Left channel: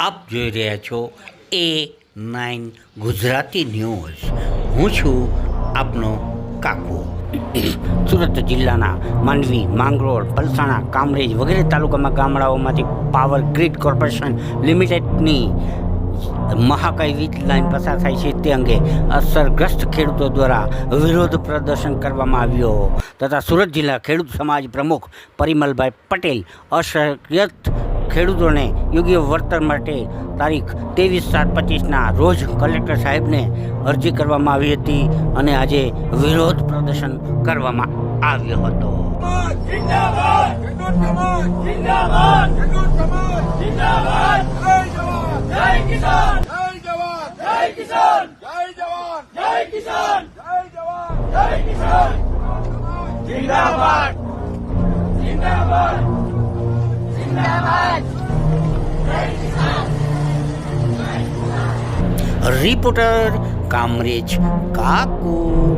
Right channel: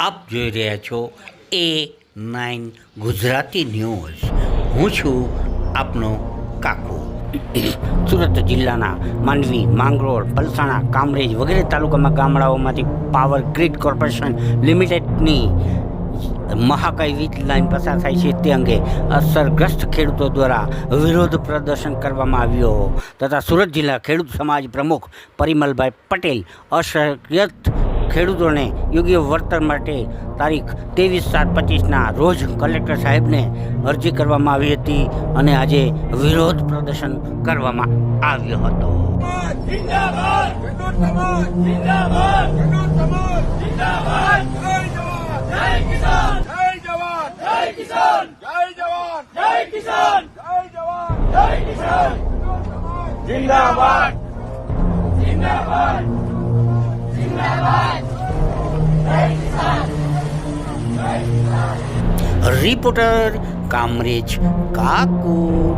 આપ જોઈ રહ્યા છો એ નાઇન ગુજરાતી ન્યૂઝ. હું છું આપનો કાકુ. સુરત જિલ્લાના માંડવી, માંગરોળ, પલસાણા, કામરેજ વગેરે તાલુકામાં ગામડાઓમાંથી પાવર ગ્રીડ કોર્પોરેશન લિમિટેડની મહાકાય વીજ લાઇન પસાર થાય છે. તે અંગે અસરગ્રસ્ત ખેડૂતો દ્વારા વિરોધ પ્રદર્શન કરવામાં આવ્યો. તથા સુરત જિલ્લા ખેડૂત સમાજ પ્રમુખ પરિમલભાઈ પટેલ અસરગ્રસ્ત ખેડૂતોને યોગ્ય વળતર માટે તારીખ ત્રેવીસ સાત પચીસના રોજ કલેક્ટર સાહેબને અરજી કરવામાં આવી હતી અને આજે વિરોધ પ્રદર્શન કરવામાં આવ્યો હતો જિંદાબાદ સમાજ જિંદાબાદ રિપોર્ટર કામરેજ કાકુ.